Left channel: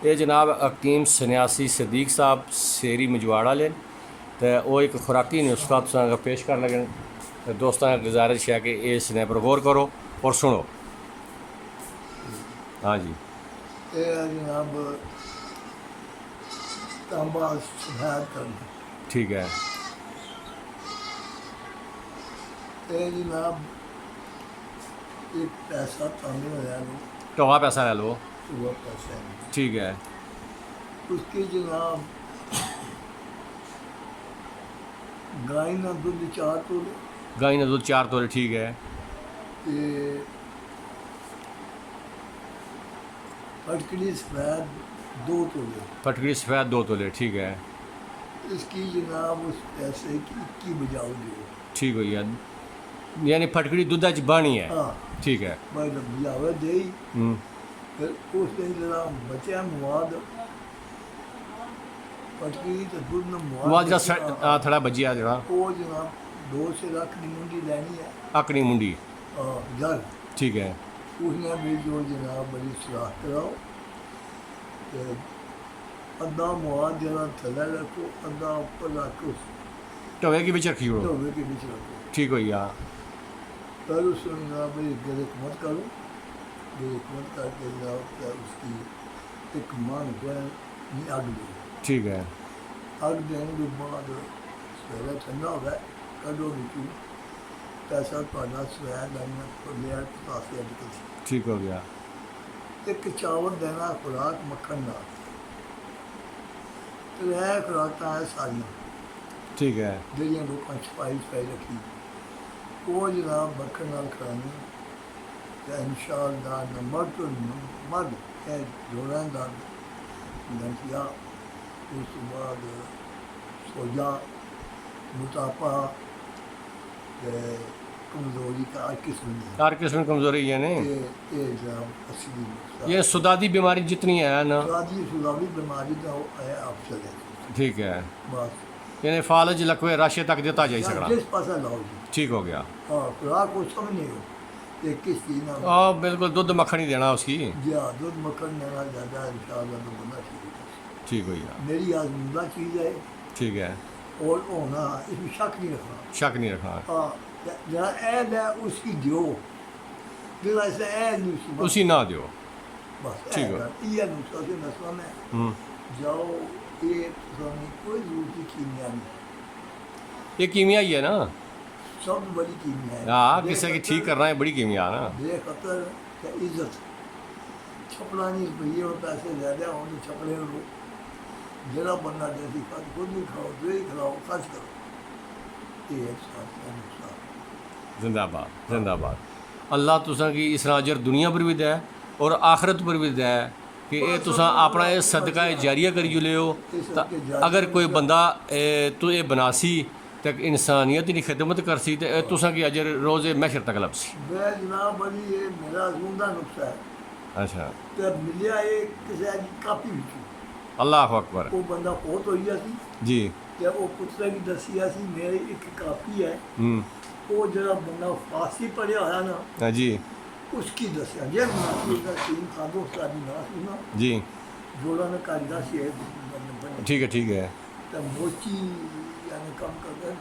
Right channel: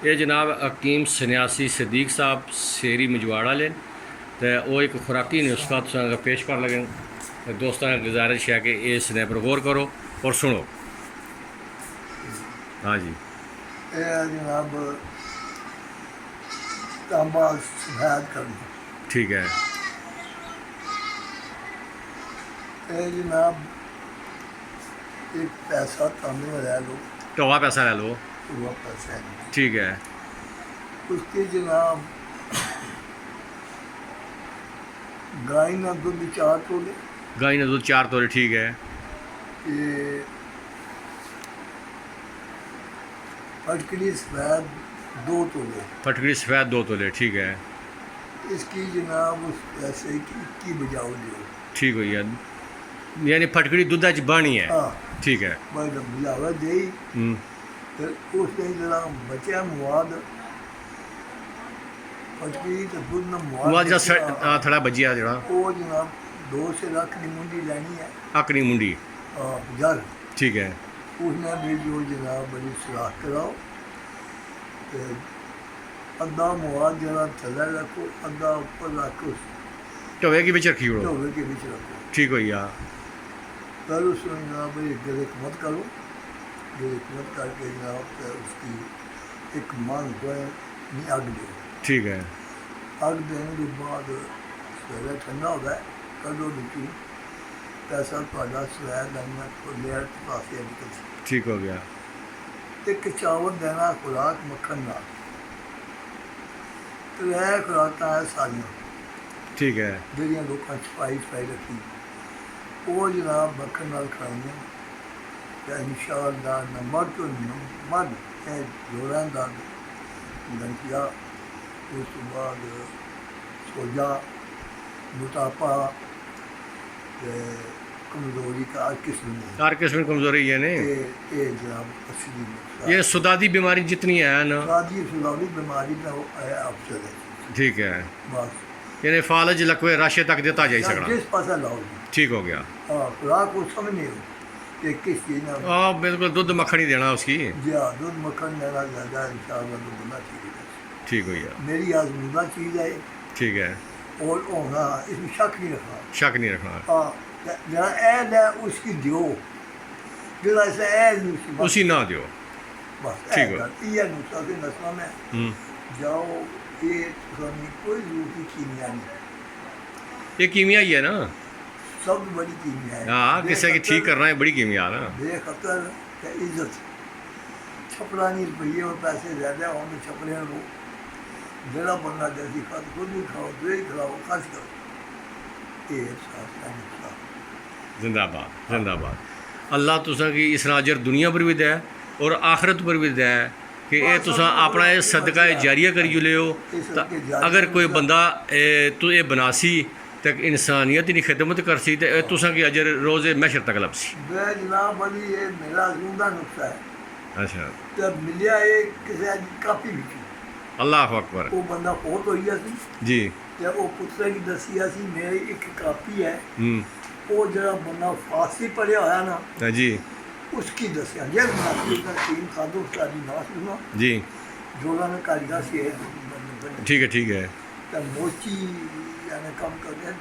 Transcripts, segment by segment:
ये जनाब हकीम सनैसी صدیق साहब शेरी मजवाड़ा लेन तो वो एक खुराकी ने उसका तुसां पेश कर लगे। दोस्तों की गुजारिश है कि इस ने पर गौर करो और सुनो। हाँ जी, जनाब तांबा सफेद करना। ठीक है। जनाब एक पैसा तांबे में ले लो, टोवा पैसा ले लो, वो पैसा है ठीक है। उसके जनाब गाय ना दूध 4 तोले, गाय ने दूध 4 तोले, ठीक है। ये फटकड़ी सफेद 2 तोले, फटकड़ी सफ़ेद 2 तोले, ठीक है। इसकी जनाब उस पैसे की 21 बजाओ दो, ठीक हो गया, यानी फटकड़ी दूधा च बनी है। हाँ ठीक है। बजावा दे। फिर उसने जनाब बचा मुआद फटकड़ी तो दूध ना मुआ जरा थोड़ा बजिया जरा वो जनाब 2 से लाख की मुंडी लेनी है, अकनी मुंडी, जल, ठीक है। उसने भी जो जनाब बड़ी सलाह कराओ तो अद्धा मुआद जरा थले रखो, अद्धा ऊपर रखो, टोवे के बीच रखी हो, ढोवे के बीच रखो। ठीक हो गया। फिर उसमें जनाब बड़ी गिरक मत करो, गिरक मत करके जनाब फिर उसकी एक मान को नहीं अग दो, ठीक है। अग देने के बाद सवेरे ठंडा हो गया कड़ो नीचू पैसा थोड़ा सवैर देना लेयर पास निकल सी, ठीक हो गया। एक चावल देना खुराक मक्खन ना, तो यह खुराक है सारियाँ, ठीक है। ਜਿਹੜੀਆਂ ਲੋਕਾਂ ਛਪਾਈ ਰੱਖੀ ਉਹ ਜਨਾਬ ਮੱਖਣ ਨਾਲ ਖਾਣੀਆਂ ਤੇ ਇਨਸ਼ਾਅੱਲਾ ਨਮਕ ਤੋਂ ਮਦ ਇਹ ਜੋੜਾਂ ਦਾ ਲੰਕਿਆ। ਉਸ ਤੋਂ ਬਾਅਦ ਸੋਜਾ मोटापा कमजोरी का हर किस्म में हर किस्म की कमजोरी यानी ये जनाब असली नुकसान ये सुदादी बीमारी जितनी है ना, सुदादी बीमारी का है अफसर है, ठीक है। बस यानी फालज लकवे राशे तक देता जाए सकड़ा, जिस पासा लाओ जी, ठीक हो गया। हाँ खुराक को समझने हो कि किस चीज़ ना, हाँ बिल्कुल, दूध मक्खन ही देना उसकी, जी हाँ दूध मक्खन देना ज़्यादा इंशाअल्लाह तो बनना चाहिए, ठीक हो गया। मेरी आजमूदा चीज़ है, ठीक है। और होना इसमें शक नहीं रखना, शक नहीं रखना। हाँ जरा ऐन है उसकी दियो, जरा ऐसे ऐन नहीं उसी ना दियो, बस ठीक है। ये नुस्खा के नस्लों में जाओ, ये कोई रूप की कीमिया नहीं, ये कीमिया ही है ना, सब बड़ी कीमिया है। हाँ किसी की ठीक करना है बड़ी कीमिया ना। बेखतर का इज्जत छपरानी रुपये और पैसे ज़्यादा हों तो छपरे लो, जरा बंदा जैसी खत खुद भी खाओ, जो ही खिलाओ, खर्च करो, ये एहसास है नुस्खा। जिंदाबाद जिंदाबाद। अल्लाह तुसां की इस अजर दुनिया पर भी दे और आखरत पर भी दे कि ये तुसां अपना ये सदका जारिया करी लियो। अगर कोई बंदा तो ये बनासी तक इंसानियत की खिदमत करसी तो तुसां की अजर रोज़े महशर तक लभसी। जनाब बड़ी ये मेरा आजमूदा नुस्खा है। अच्छा, तो मिलिया ये किसी कापी भी अल्लाह अकबर। वो बंदा बहुत हो गया सी जी, जब वो पुत्रा की दसिया सी मेरी एक कापी है, वो जरा बंदा फारसी पढ़िया होया ना जी, उसकी दसिया जे उसका टीम खादो सारी ना सुना जी, जोड़ा ने कारीगर से ठीक है, ठीक है। तो मोची यानी कम करके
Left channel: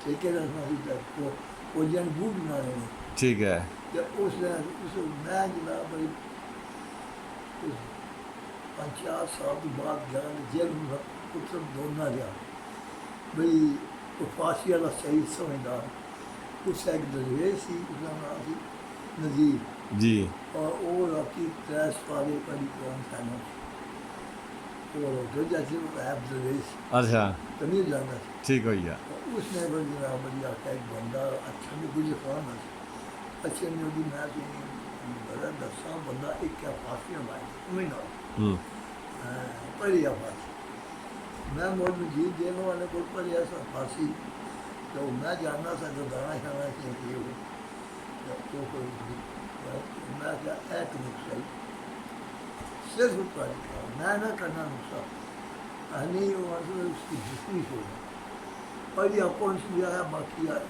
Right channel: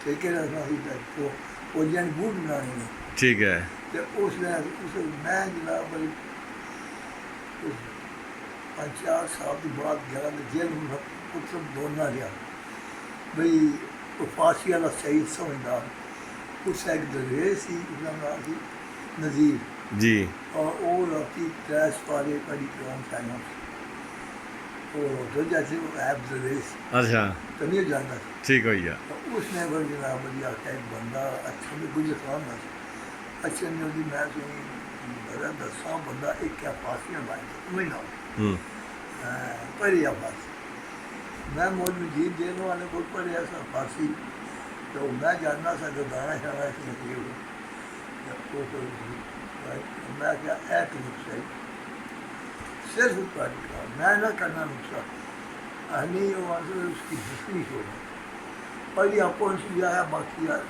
ठेके रखना सी तो वो जन बूट बनाने में, ठीक है। तो उसने मैं जनाब बड़ी 5-4 साल के बाद जगह जेल में पुत्र दोनों लिया बई वो फांसी वाला सही समझदार, उससे एक दरवेश सी, उसका नाम थी नज़ीर जी, और वो राती 3 पारे पढ़ी कुरान खाना और होटल जैसे वो ऐप दरवेश अच्छा, तो नहीं जाना, ठीक हो गया। तो उसने फिर जनाब बड़ी आख्या एक बंदा अच्छा भी कुछ खान ना अच्छे नहीं होती, मैं सुनी बड़ा दसा बंदा एक क्या फांसी में मारे तुम्हें ना हो पढ़ी फांसी, मैं मौज मजीद जेल वाले को पढ़े ऐसा फांसी, तो मैं जानना सा जो दाना शाना चाहिए मैं क्या एक नुस्खा सिर्फ मैं ना करना नुस्खा नहीं वो उसकी दूसरी सोच पर यह कौन सी है बाकी यार